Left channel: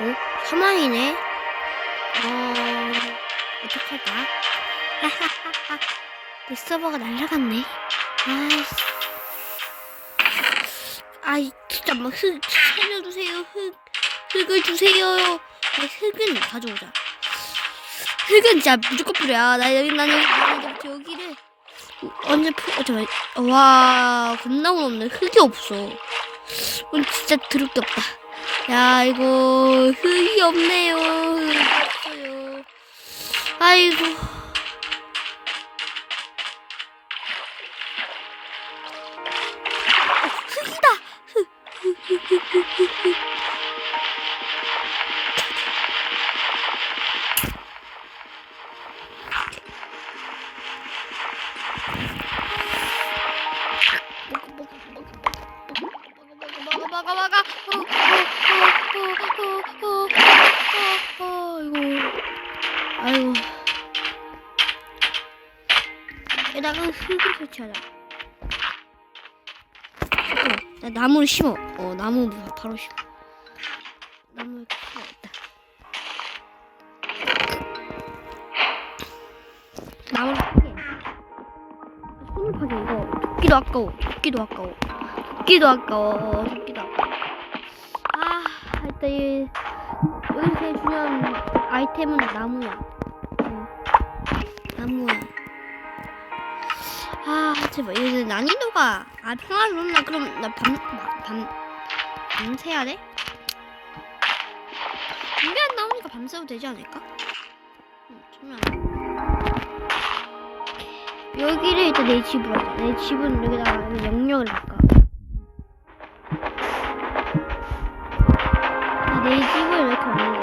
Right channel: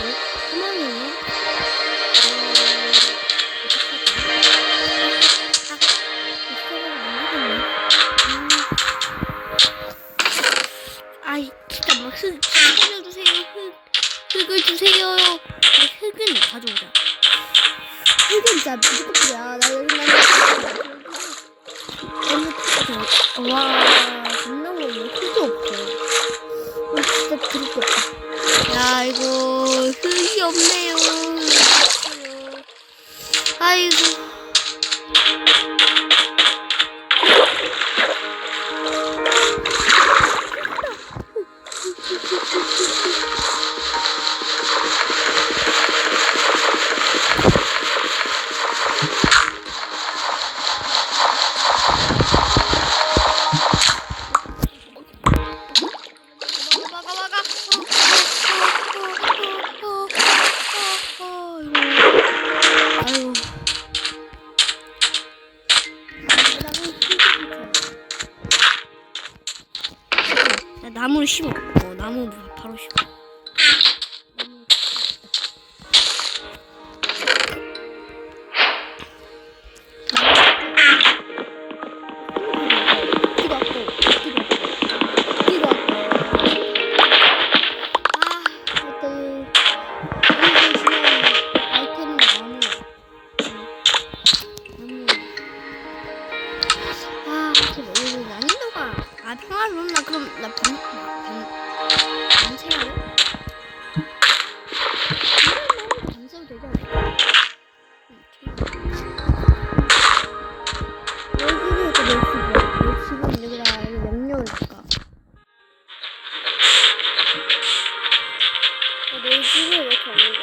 오, 사망이네. 어, 어떡하자. 하하하하. 이 서버가 날라갔네. 아, 아이, 진짜 막 흙, 살려주세요. 흙, 흙을 주세요. 아, 흙은 가져오자. 흙은 진짜 무조건 필요야. 나 여기 나는 여기를 언제 풀, 어, 와, 겁나 무섭네. 흙이 없어. 우리 진짜 드럽게 없다. 야, 이거 흙이 없네요. 흙이 없어요. 아이고. 심어. 어 나무 바로 심어. 나무 심어. 나무 기도 아까워. 기도 아까워. 내 집으로 내 집은 여기다가 여기 영역을 바꿔. 내 집을 왜 이렇게 없는 거야?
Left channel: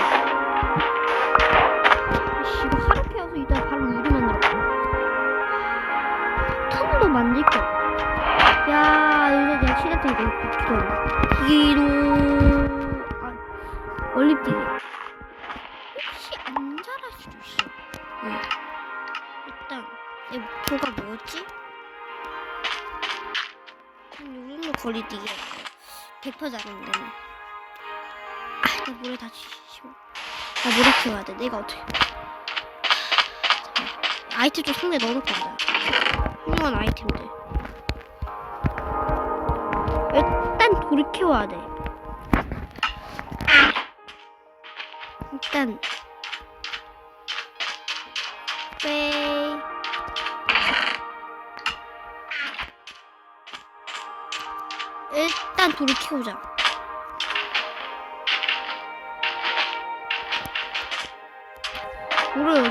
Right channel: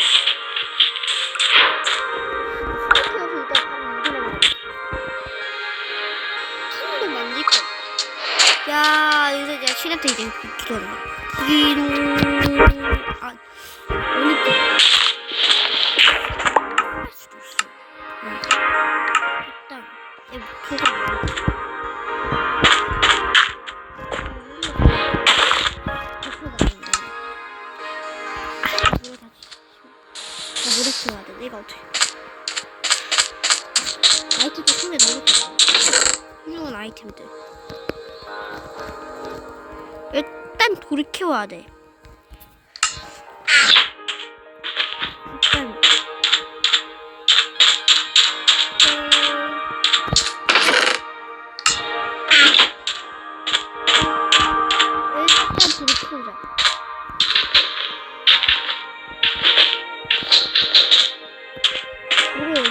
씨발 하루 태워서 이따 바로 일을 만들었다. 칸도 만들 거. 야 이제 내가 시작돼 이제 기도 기도 어떻게. 아이템 좀 손에 넣어놓고 하자. 훌륭한 아이템들. 일단 키워야 돼. 일단. 네. 일단 키우자.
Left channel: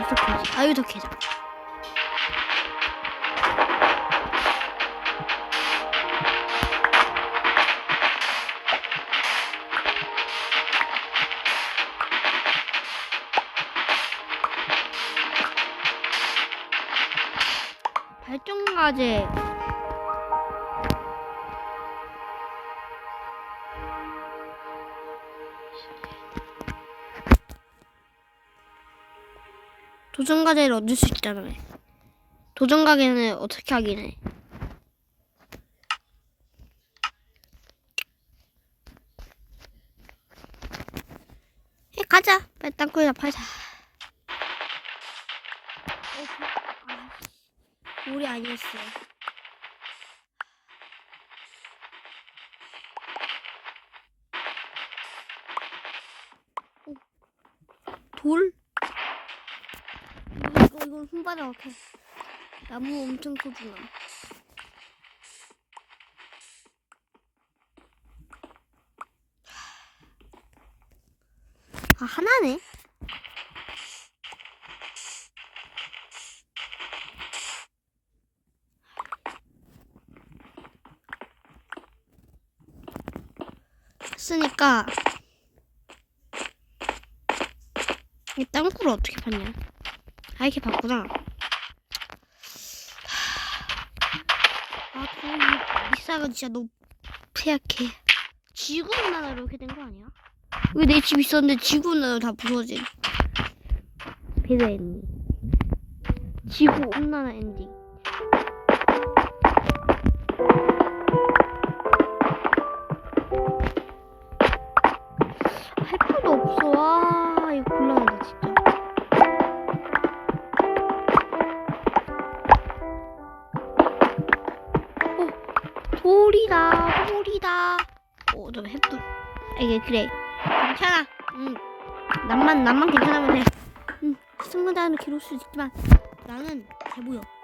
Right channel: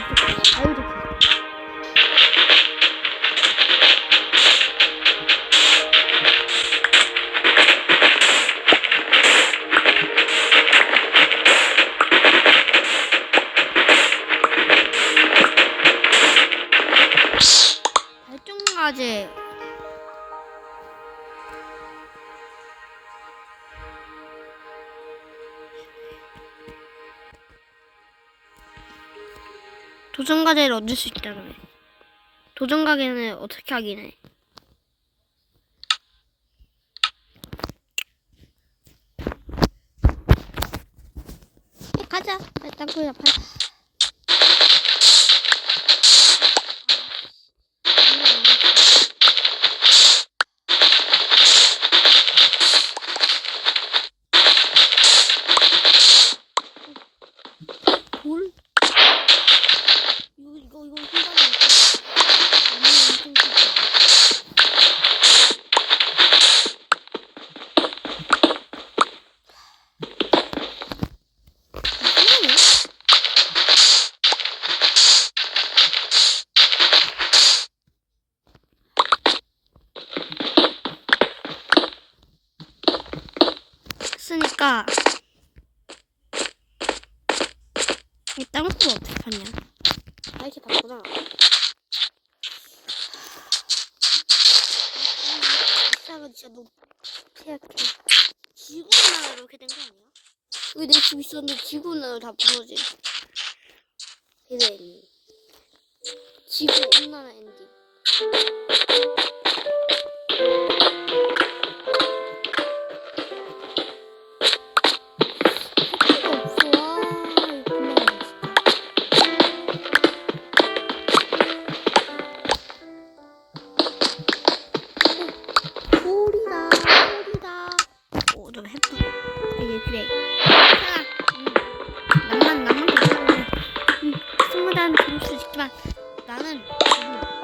물을 어디서 캐지? 아, 여기서 캐자. 발전가제 도전 과제를 얻을 수 있다며. 도전 과제는 어떻게 하긴 해? 에, 가자. 빨리 땅굴이나 팔자. 물이 아니었어. 돌? 이거 이거 이거 흰바지 않고 나무 엄청 크지. 아, 하나네? 쓰니까 이 땅굴 어떻게 봤냐? 아 이렇게 바꾸나? 아, 이 이사가 진짜 너무 폐약해. 지구 온난화로 이렇게 된 거 아니야? 왜 내 집 있었는데 지구 온난화로 다 부서진? 배드 엔딩. 지구 온난화 엔딩. 그래. 괜찮아. 응. 남만 남만 괜찮아 그래. 응. 시청자들은 괴로울 수 있지만 나는 괴로워.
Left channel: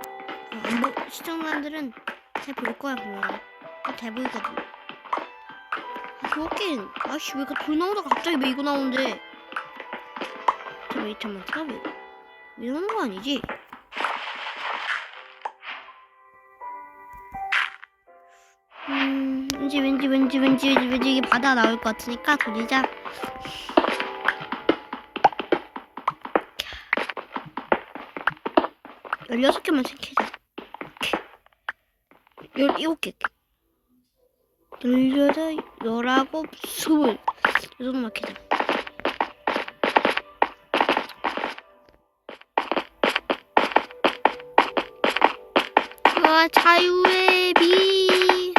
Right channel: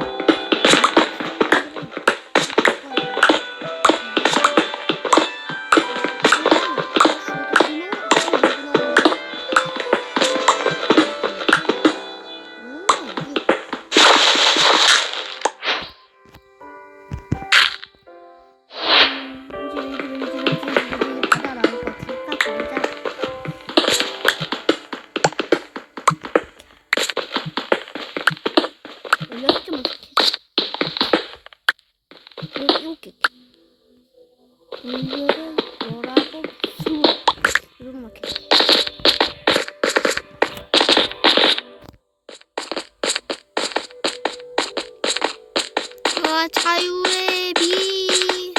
열여덟, 열아홉, 스물. 이 정도만 캐자. 와, 자유의 비.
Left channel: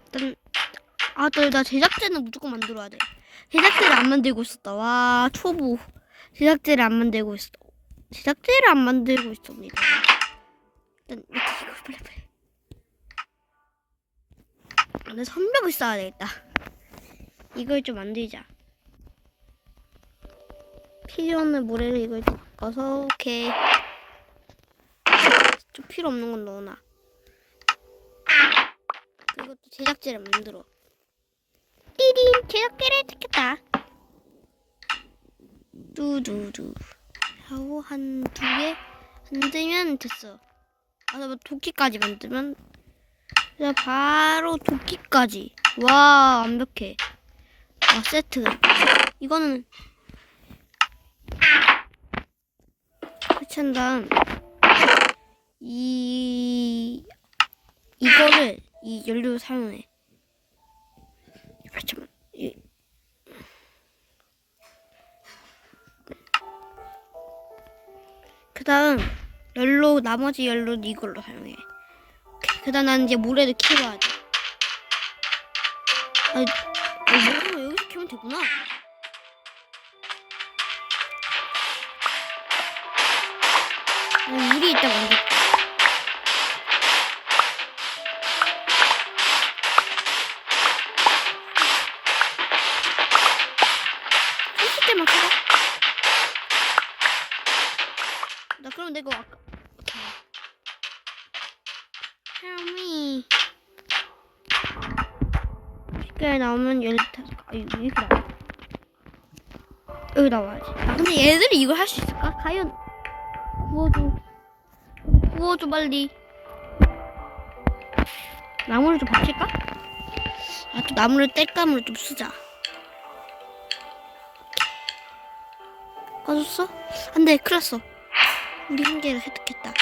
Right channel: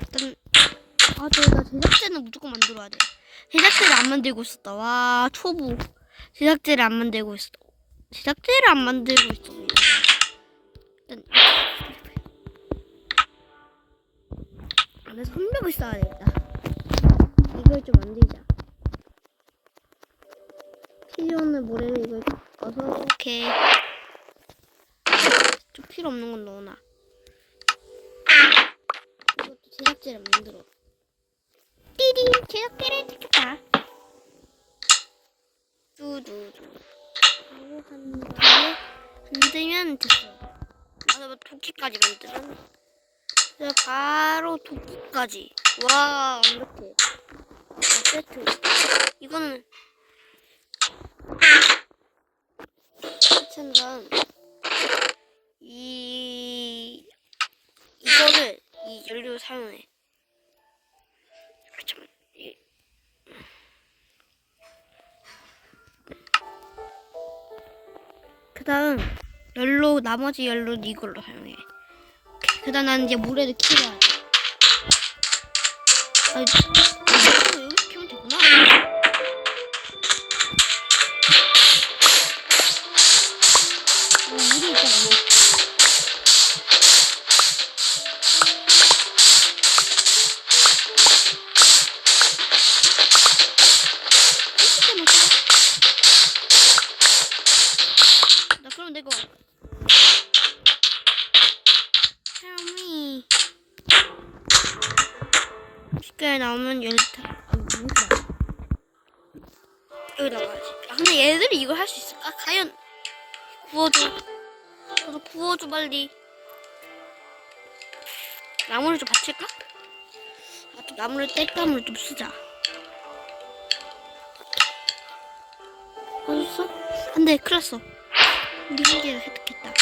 일단 아, 저, 나 제작제는 무조건 만들어야 돼. 제작제를 안 만들고 있었다. 와, 초보. 제작제를 안 만들고 있었다. 제작제를 안 만들고 있습니다. 일단, 내 선벽을 쌓아야 되겠다. 이걸 좀 만들자. 필요 없는 모래를 이걸 넣어서, 오케이. 좀 필요 없는 건 넣어놔. 이것도 제작제를 만들어. 띠링 제작제를 찾겠다. 두두두 하고 한 두 개 만들면 됐어. 아, 나 도끼까지 만들면 자 바로 도끼까지. 와 완벽해. 와 세트. 이거는 다음 이 이거를 이 연료를 사용해. 아, 잠깐. 이 그다음 연료 나머지 연료는 이걸로 사용해. 그다음 난 이제 모래를 키워야 돼. 아, 이거 여기서 키우면 되구나. 뭐 물이 있다 써봐. 나 그럼 내가 아까 샤미 쉽게 나오면 얘를 다 아, 이거 여기 나와 여기 나와야지 아 근데 얘들이 이걸 할 수 있을까? 과연 구워줘 구워줘 빨리 나무를 좀 받칠까? 아 또 나무를 뗄감으로 좀 쓰자 꺼졌어? 안 돼 큰일 났어 우리 한 개를 획득했다.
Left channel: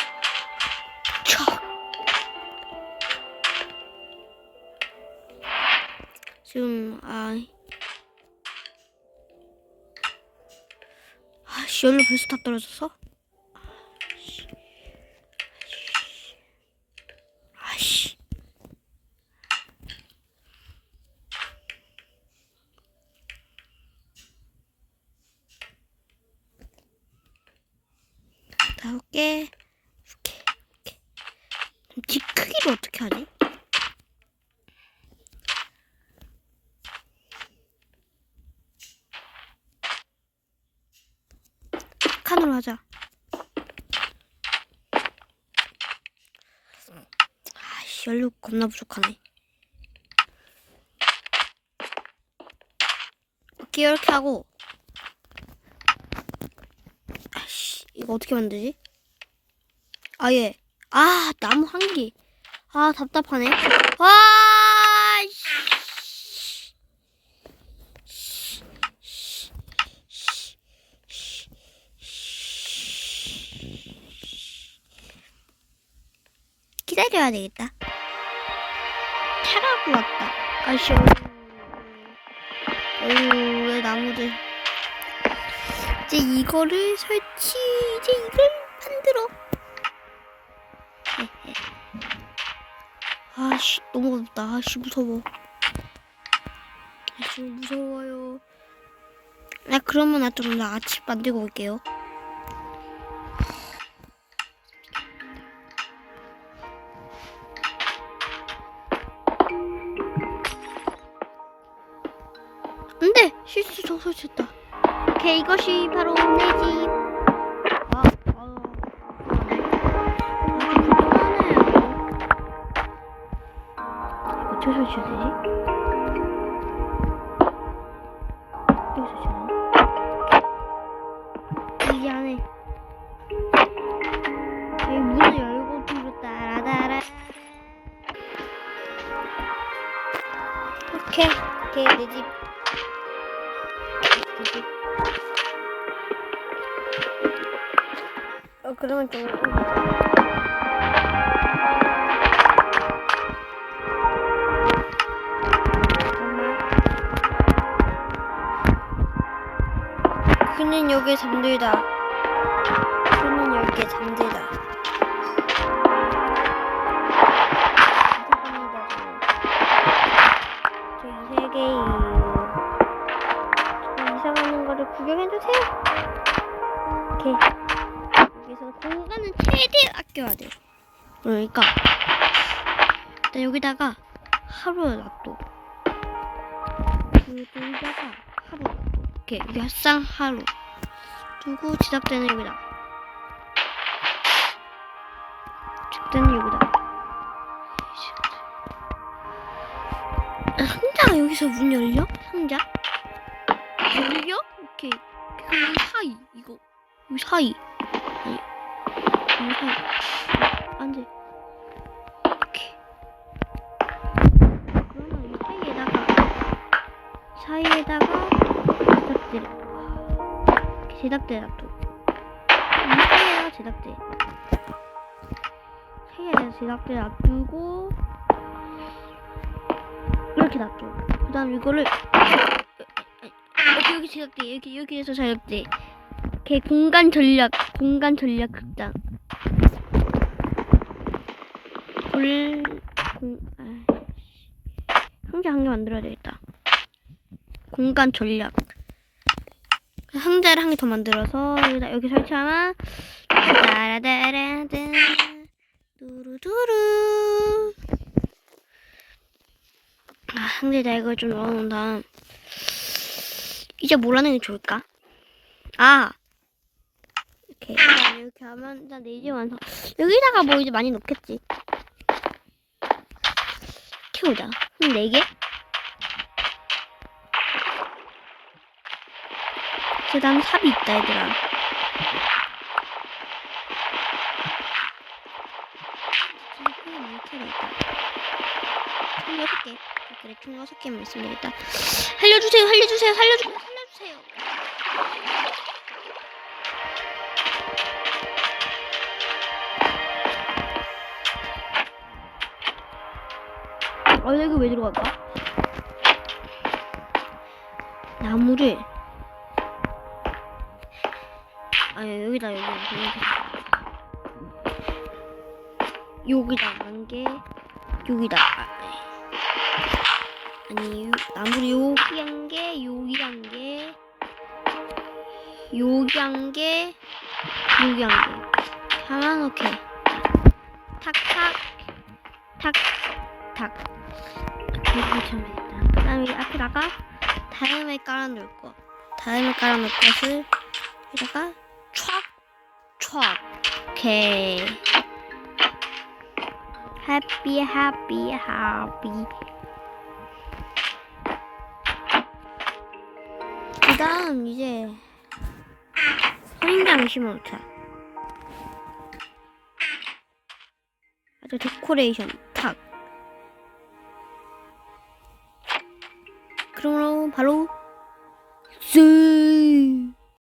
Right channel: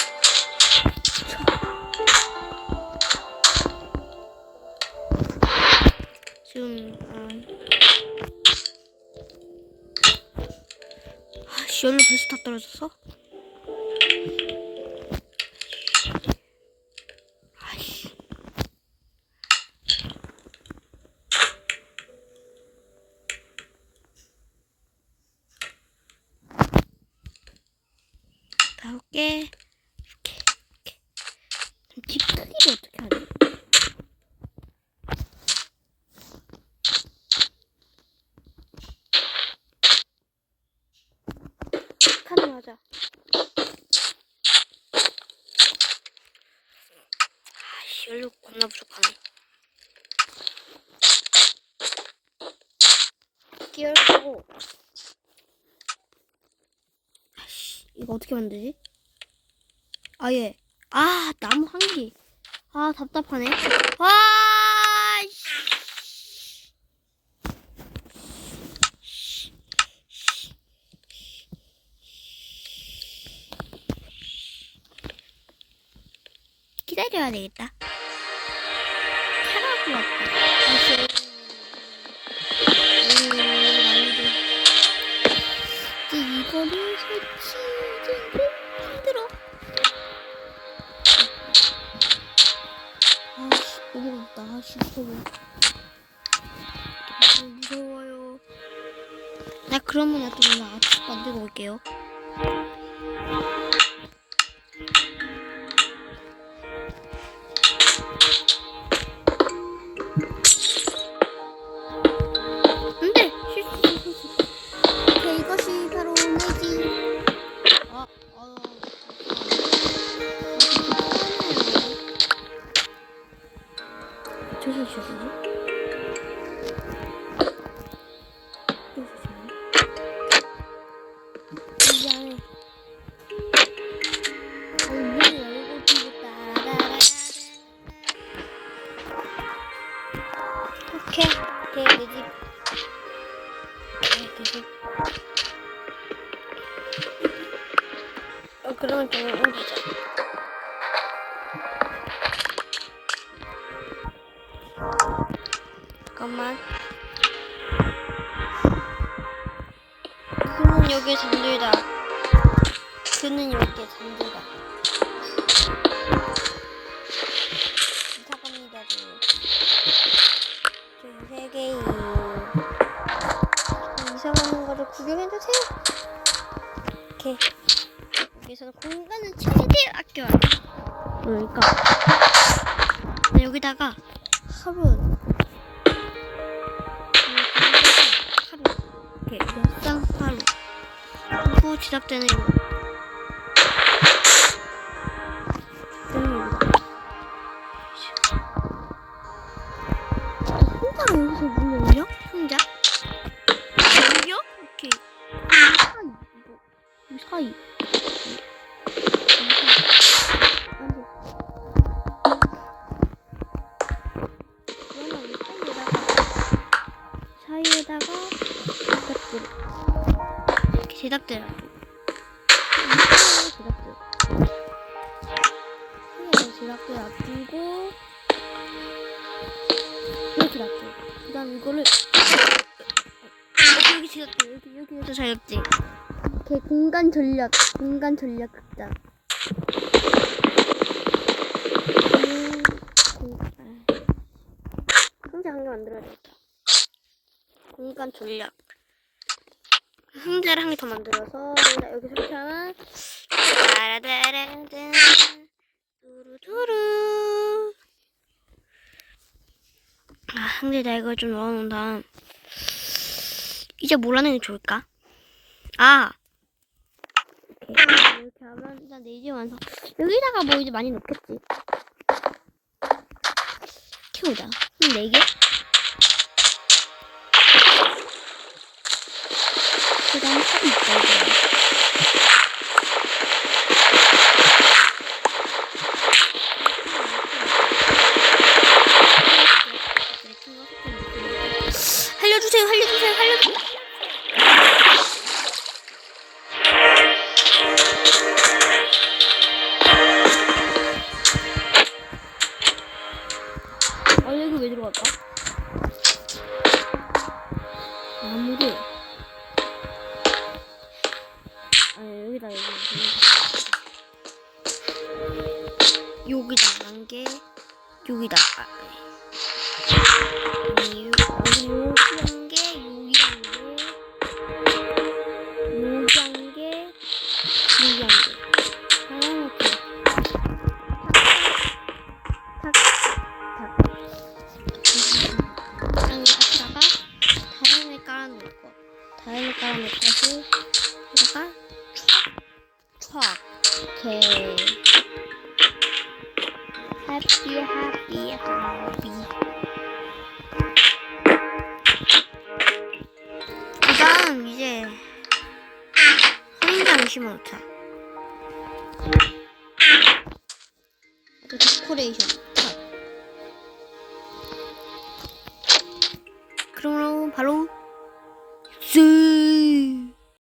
아, 아씨 연료 벌써 다 떨어졌어? 아씨. 다섯 개 이렇게 이렇게 그럼 집 크기를 어떻게 하지? 칸으로 하자. 아씨 연료 겁나 부족하네. 이렇게 하고 아씨 이거 어떻게 만들지? 아예 아 나무 한 개. 아 답답하네. 와. 씨. 기다려야 되겠다. 차라고 왔다. 아이씨. 어휴, 왜 나무들. 이제 이거를 설치, 이제 이걸 만들어. 아씨, 너무 무섭다. 아씨, 무서워. 아씨, 무서워요. 나 그러면 나좀 나 아침 만들고 올게요. 아, 어디서 여기 잠들다. 그는 여기에 잠들다. 이상합니다. 저세 개예요. 이상한 거를 구경해주세요. 오케이. 여기서 공간은 최대한 아껴야 돼. 그러니까 나 여기다가 하루 놔둬. 여기다가 하루. 이렇게 몇상 하루. 그리고 지답대는 여기다. 지답대는 여기다. 아, 상자가 여기서 문 열려? 상자? 열려? 오케이. 이 사이 이거 이 사이. 이 사이에다가 제답대. 사이에다가 제답대 놔두고 이렇게 놔둬. 그다음 이거를 어, 여기 제답대 여기 여기에서 제답대. 이렇게 공간 전략 공간 전략 극장. 상자 한 개 만들어야 되겠다. 공간 전략. 상자를 한 개 더 만들어서 여기 설치하면 따라다라단 두루두루. 아, 상자에다 이걸 좀 넣어놓은 다음 이제 뭘 하는 게 좋을까? 아, 이렇게 이렇게 하면 일단 네개 완성. 여기다가 뭐 이제 많이 놓겠지. 키우자. 한네 개? 그 다음 탑이 있다, 얘들아. 살려주세요, 살려주세요, 살려주세요. 여기다 한개 여기다. 아, 아니 요- 나무를 여기 한개 여기 한개 여기 한개 여기 한개 하나 놓게. 탁탁 탁탁. 그다음에 앞에다가 다음에 깔아놓을 것 다음에 깔아놓을 것을 여기다가 촥촥. 오케이 해피 해피 해피 그 다음 이제 성장 심어놓자. 아주 데코레이션 탑. 그러므로 바로 쓱